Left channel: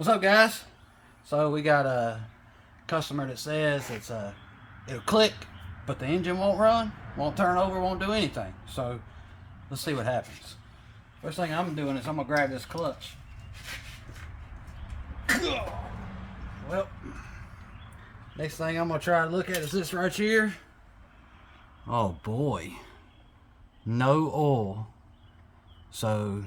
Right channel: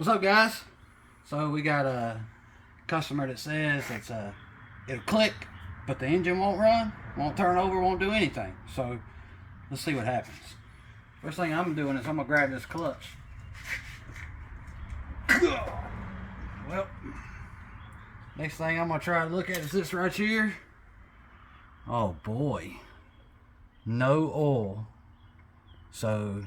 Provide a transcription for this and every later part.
What's up, guys? So we got a customer that says it'll click, but the engine won't run, won't turn over, won't do anything. So let's see what happens. First thing I'm doing is I'm gonna grab this clutch. Well, next thing I'm gonna try to look at is this right here. Oh boy, no oil. So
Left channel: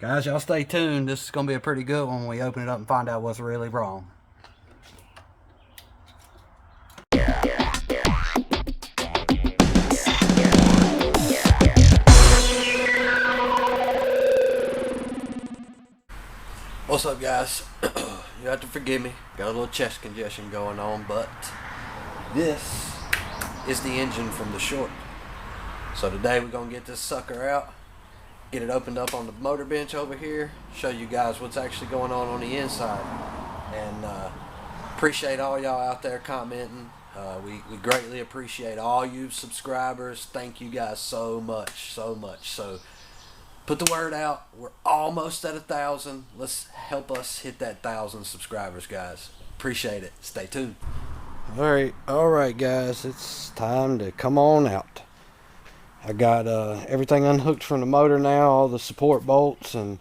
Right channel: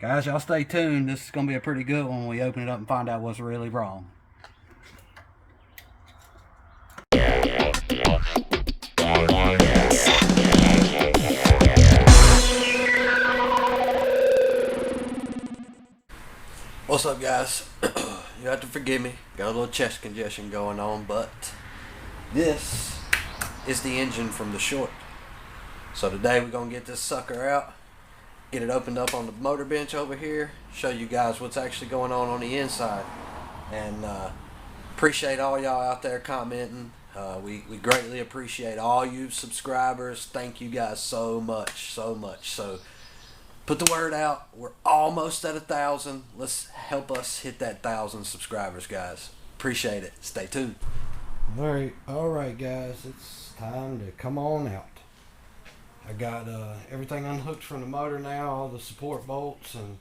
guys, y'all stay tuned. This is gonna be a pretty good one when we open it up and find out what's really wrong. What's up, guys? You have to forgive me, got a little chest congestion going on, but this is the engine from the short. So today we're gonna get this sucker out, get it opened up on the motor bench over here, show you guys what's actually going on the inside. And appreciate all y'all out there commenting. We greatly appreciate all you subscribers. Thank you guys so much. So put the word out. We're almost at 1,000. Let's help us hit that 1,000 subscribers, guys. Appreciate it. Stay tuned. All right, guys. It's time to come on out. I got everything unhooked from the motor now. All the support bolts and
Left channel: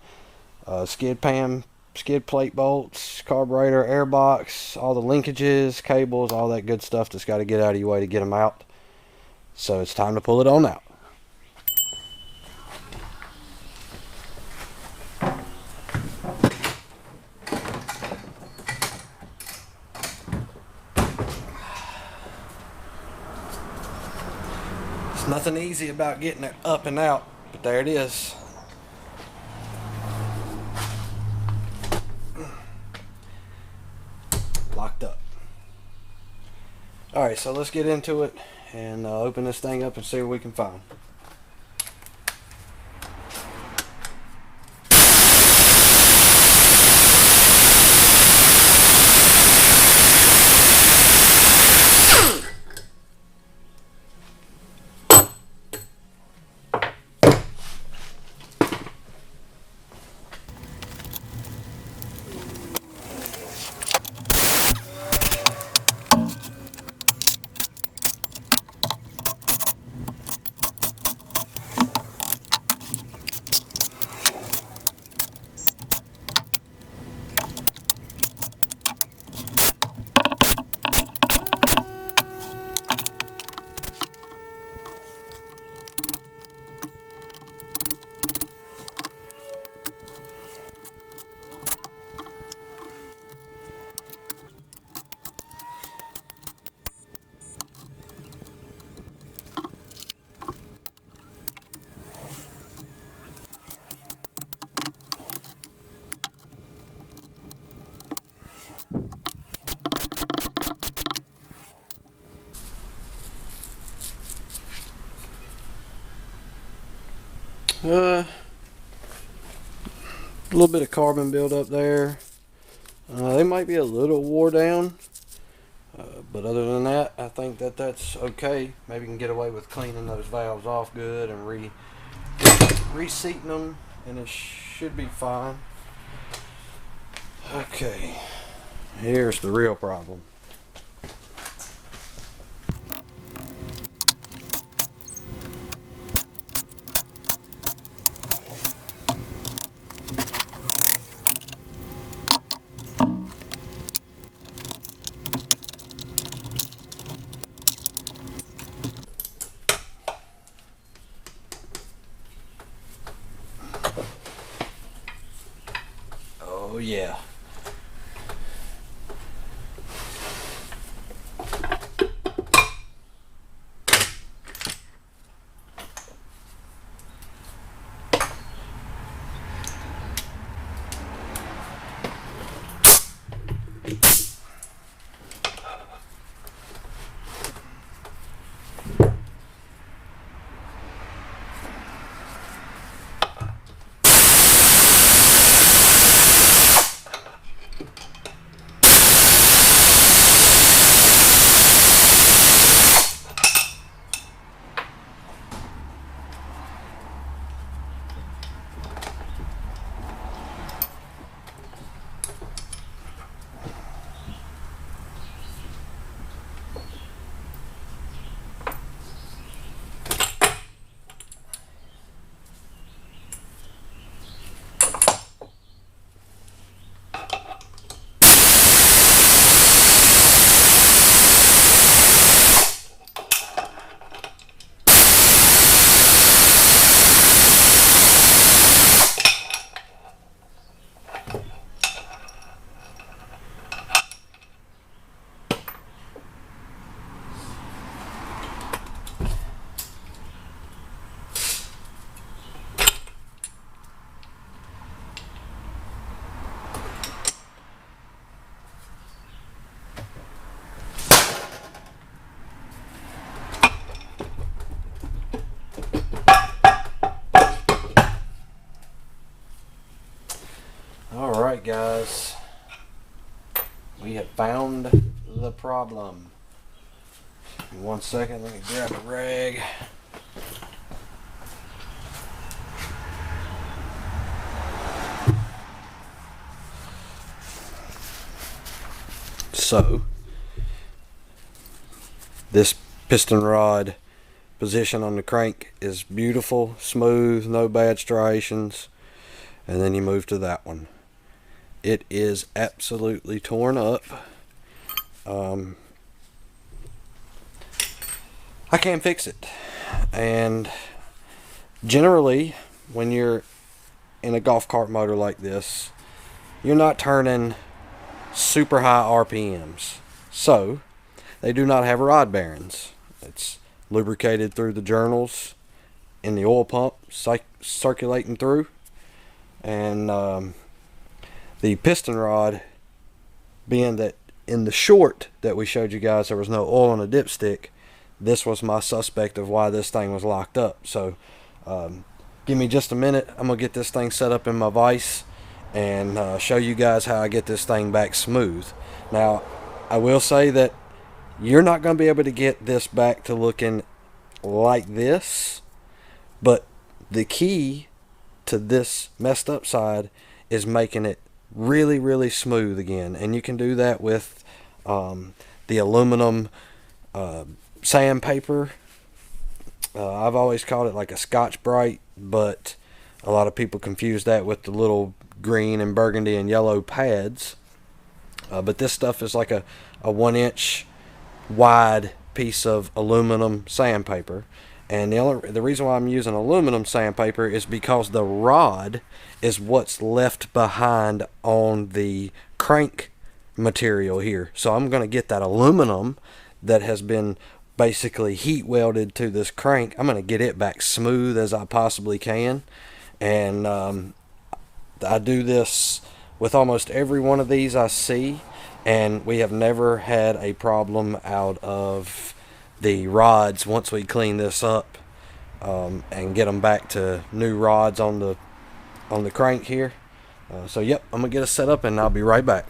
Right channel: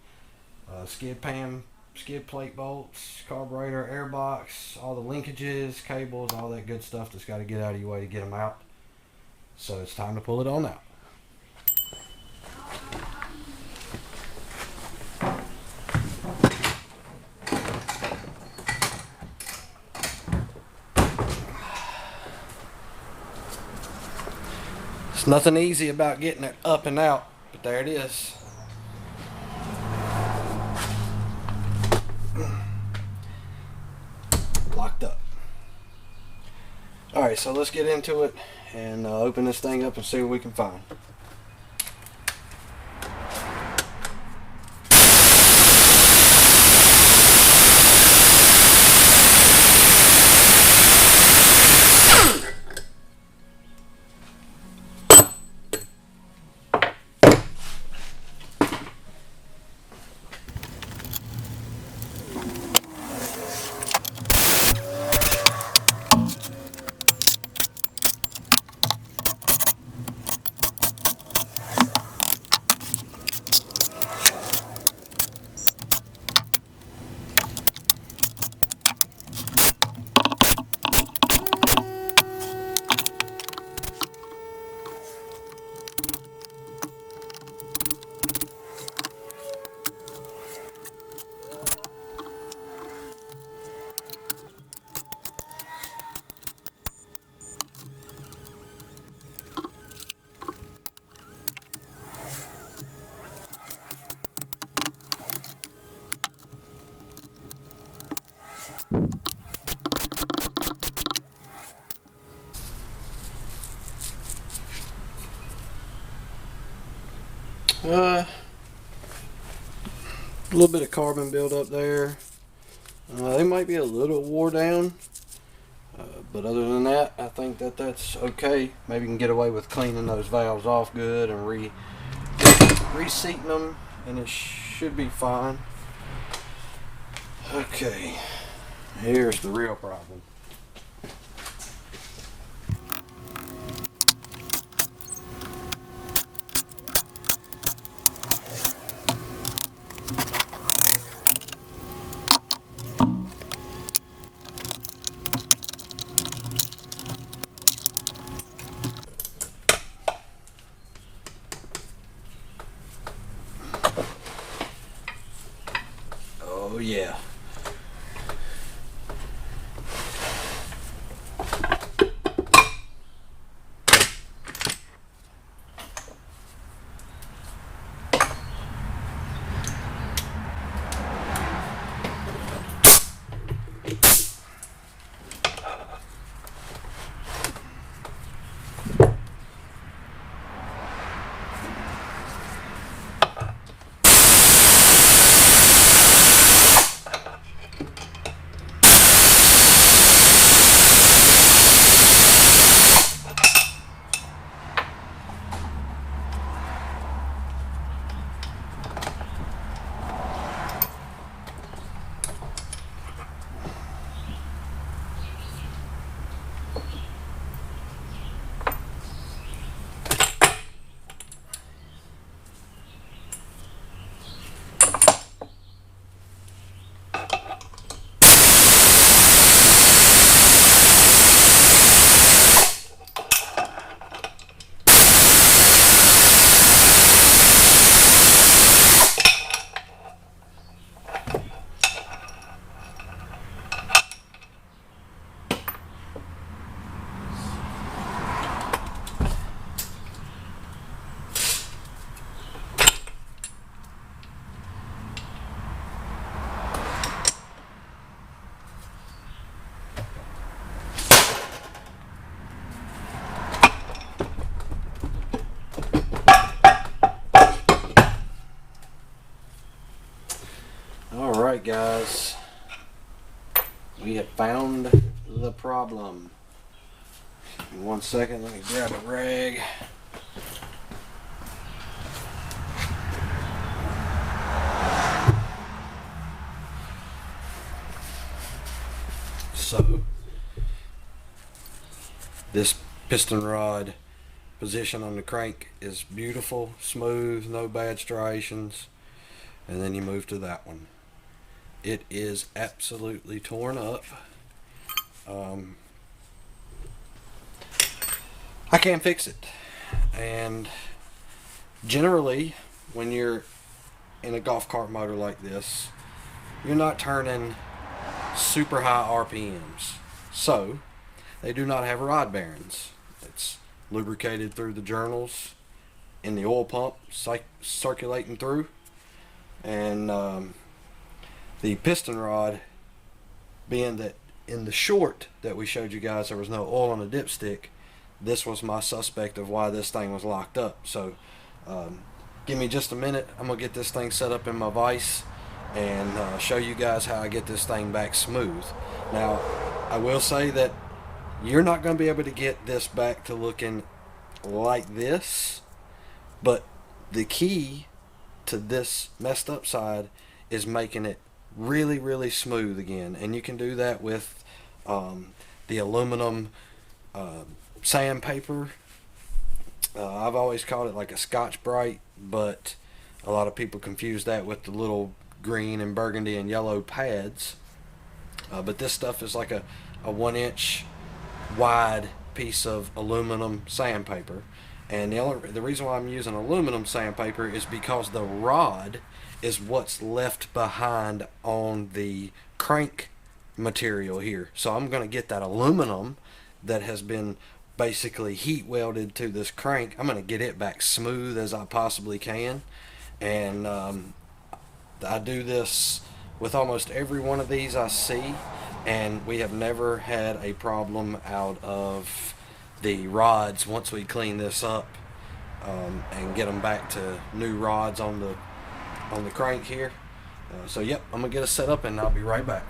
skid plate bolts, carburetor, air box, all the linkages, cables, all that good stuff that's got to get out of your way to get them out. So it's time to pull it on out. It's nothing easy about getting it up and out, but there it is. Locked up. Alright, so let's get into it and open this thing up and see what we can find. A little bit of carbon buildup there. They might be a little wore down, but other than that, I think that's okay. Maybe you can get away with cleaning those valves off good and reseating them, and it should be fine. Okay, here's the real problem. Oh yeah. Alright guys, we have found the problem. In 1 second, let me grab a rag. So, this piston rod position on the crank is beautiful, smooth, no bad striations. And then you move to that one. It is absolutely torn up. I can't fix it. And generally, when you're in a golf cart motor like this, you're not turning super high RPMs. So, they do not have rod bearings. It's lubricated through the journals in the oil pump, circulating through. And the piston rod, being that in the short that we showed you guys there was no oil on the dipstick, this was my suspect of why this thing was locked up. So give me just a minute. I'm gonna get this thing set up in my vise and show you guys how I get this thing back smooth. Now I will say that you're not going to be able to get this back to looking like this, but the key to this messed up side is making it really smooth again. And you can do that with the aluminum sandpaper. I've always called it like a Scotch-Brite, but a lot of people confuse that with the little green and burgundy and yellow pads. But this stuff is like a 1 inch wide piece of aluminum sandpaper. And the reason why I'm using aluminum sandpaper is because the rod is what's left behind on the crank material here. So I'm going to get that aluminum that has been basically heat welded to this crank. I'm going to get it back smooth as I possibly can. And I do this with almost every one of these I see, and we have never had a problem out of the rods once we clean this up and get them back to new rods on the crank here. So yep, I'm gonna get it set up and I'll be right back.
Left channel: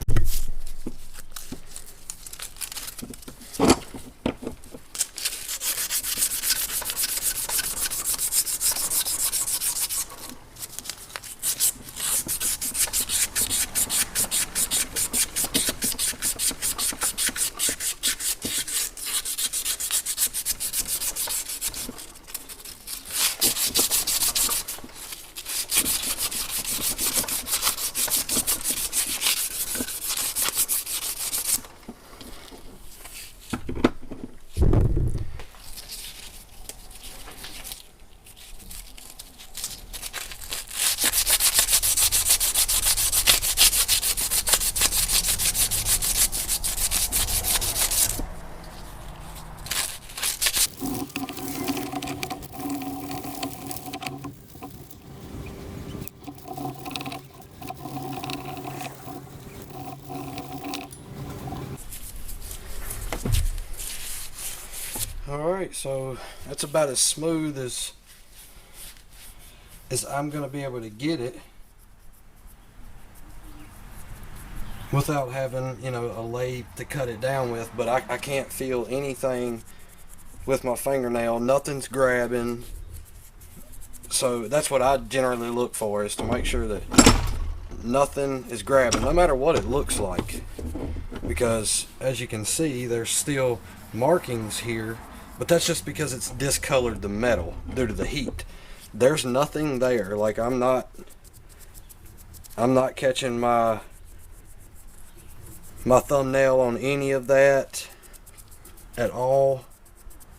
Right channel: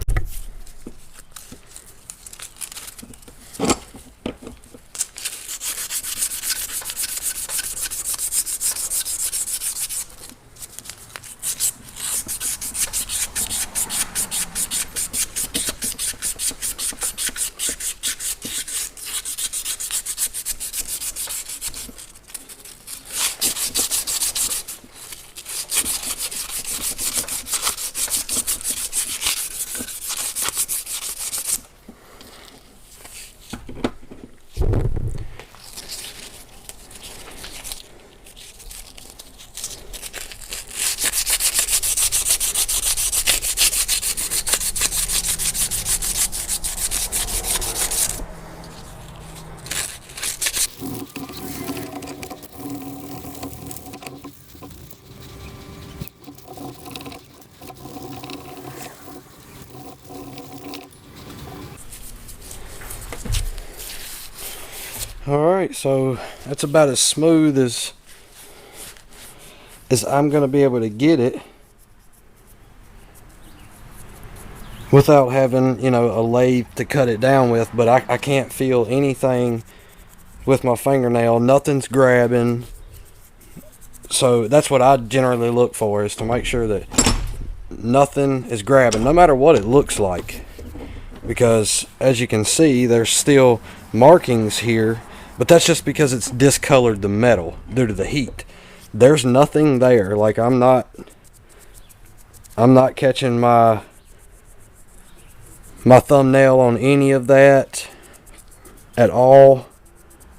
Alright, so that's about as smooth as I'm going to be able to get it without having, you know, a lathe to cut it down with. But I can't feel anything with my fingernail. Nothing's grabbing. So that's what I generally look for, is to make sure that nothing is grabbing, no matter what it looks like. Because as you can see, there's still markings here, but that's just because it's discolored the metal due to the heat. There's nothing there. Like I'm not catching my thumbnail on any of that at all.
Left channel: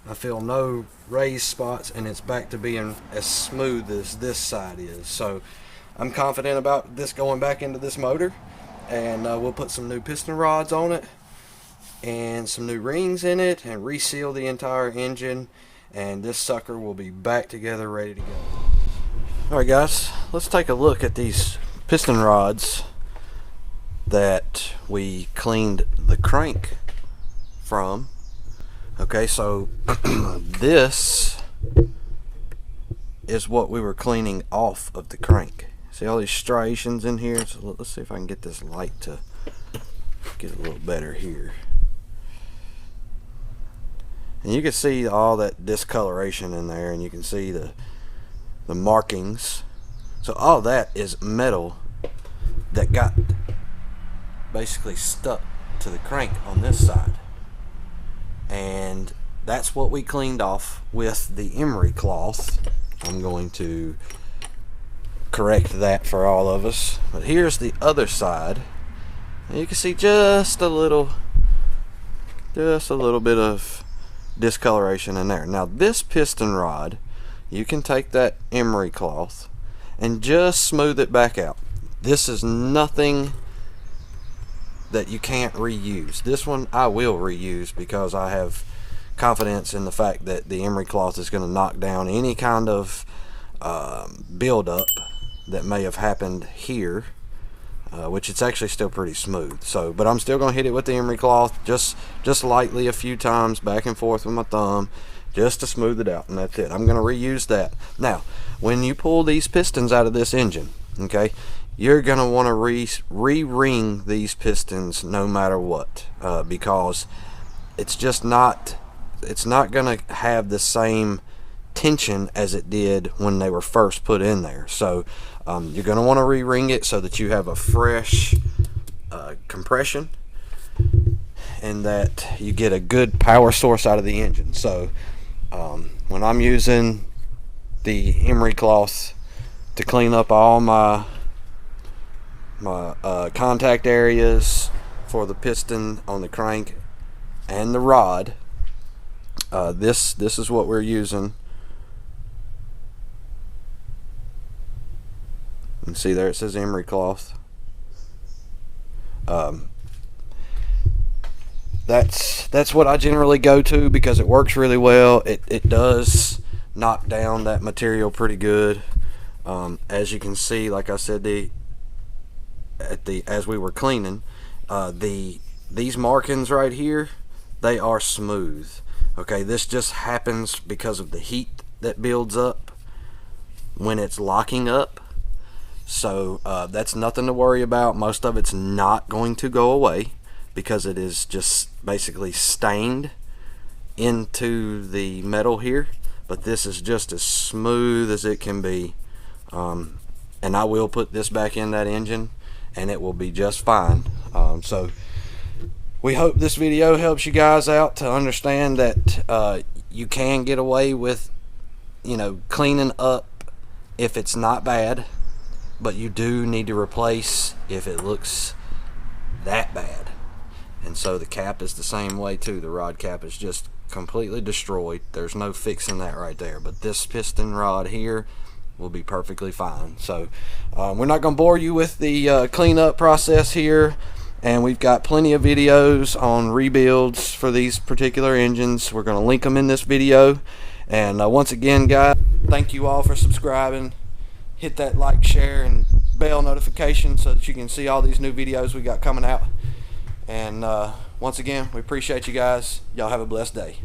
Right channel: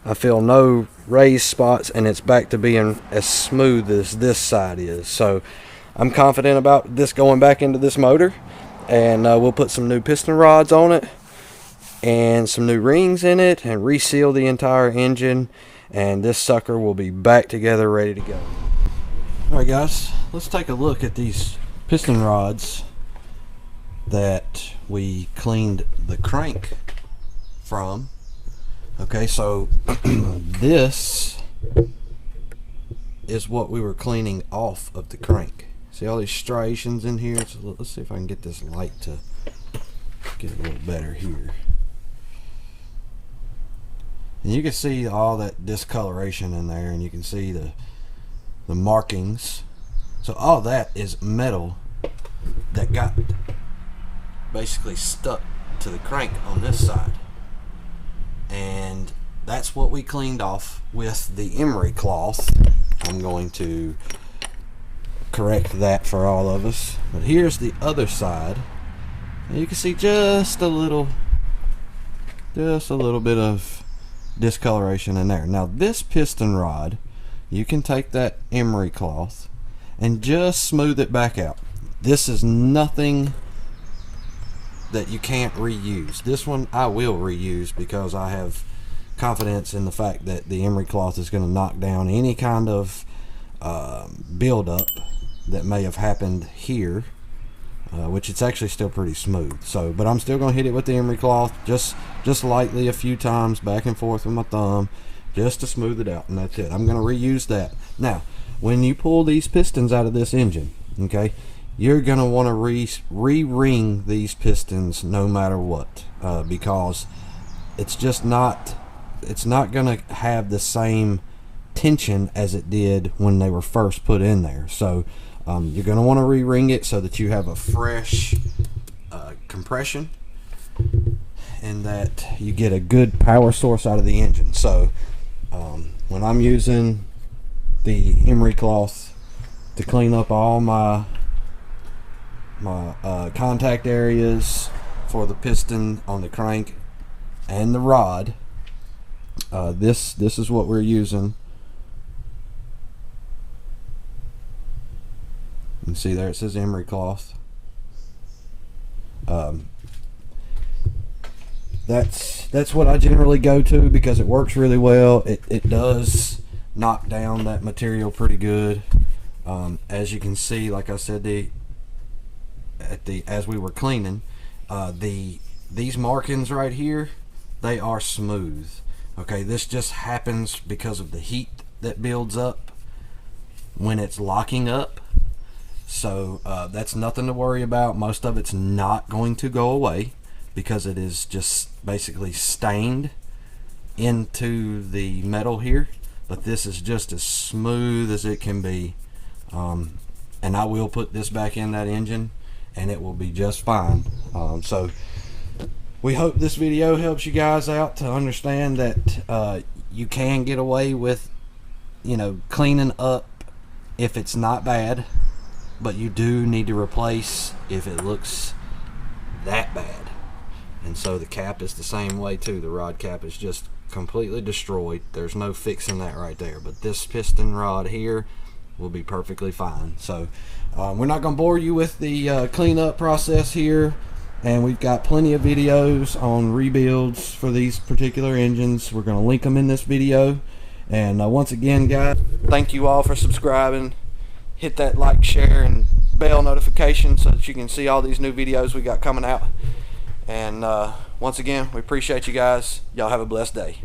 I feel no raised spots, and it's back to being as smooth as this side is. So I'm confident about this going back into this motor, and we'll put some new piston rods on it and some new rings in it and reseal the entire engine, and this sucker will be back together, ready to go. Alright guys, let's take a look at these piston rods that we cleaned the crank from. Okay, so this is what we were cleaning off of the crank. See all these striations in here? So let's see if I can get this light to get a little better here. And you can see all that discoloration in there, and you can see the markings. So all that is metal that got basically stuck to the crank on this side. And that's what we cleaned off with the emery cloth. I'm going to correct that for all of us. But here's the other side. And you can see just a little bit of discoloration in there. Now this piston rod, you can take that emery cloth and just smooth it back out. This is nothing that you can't reuse. This one I will reuse because I have confidence in the fact that the emery cloth is going to knock down any kind of buildup that may have happened here, which it's actually still pretty smooth. So, but I'm still going to hit it with the emery cloth just lightly a few times, back and forth with my thumb, just to smooth it out, and that's it. I'm going to reuse that. Now, when you pull these pistons out of this engine, okay, you're going to want to re-ring these pistons no matter what, because it's just not, it's not going to have the same tension as it did when they were first put in there. So you're going to want to re-ring it so that you have a fresh compression, and that you get a good power source out of the engine. So when I'm using the emery cloth to clean up all my contact areas for the piston on the crank and the rod, this is what we're using. You can see there it says emery cloth. That's what I generally go to because it works really well. It does knock down that material pretty good. As you can see, like I said, as we were cleaning, these markings right here, they are smooth. Okay, this just happens because of the heat that builds up when it's locking up. So that's nothing to worry about. Most of it's not going to go away because it is just basically stained into the metal here. But this is just as smooth as it can be. And I will put this back in that engine and it will be just fine. So we hope this video helps you guys out to understand that you can get away with, you know, cleaning up if it's not bad, but you do need to replace if it looks that bad. And so the cap is the same way too. The rod cap is just completely destroyed. There's no fixing that right there. But this piston rod here will be perfectly fine. So we're not going to bore you with the cleanup process here. And we've got plenty of videos on rebuilds for these particular engines. We're going to link them in this video. And once again, guys, thank you all for subscribing. Hit that like, share, and bell notification so that you can see all these new videos we got coming out. And once again, we appreciate you guys. Y'all have a blessed day.